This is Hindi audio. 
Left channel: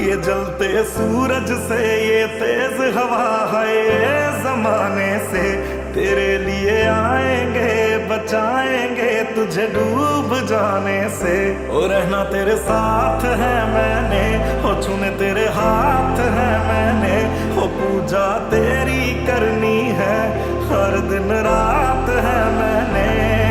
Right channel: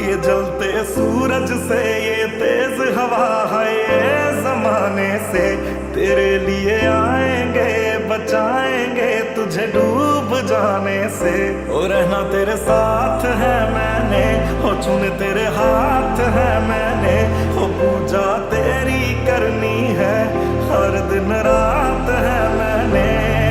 ये जलते सूरज से ये तेज हवा है, ये जमाने से तेरे लिए आएंगे, बचाएंगे तुझे डूब जाने से। ओ रहना तेरे साथ है मैंने, हो छूने तेरे हाथ है मैंने, हो पूजा तेरी करनी है हर दिन रात है मैंने।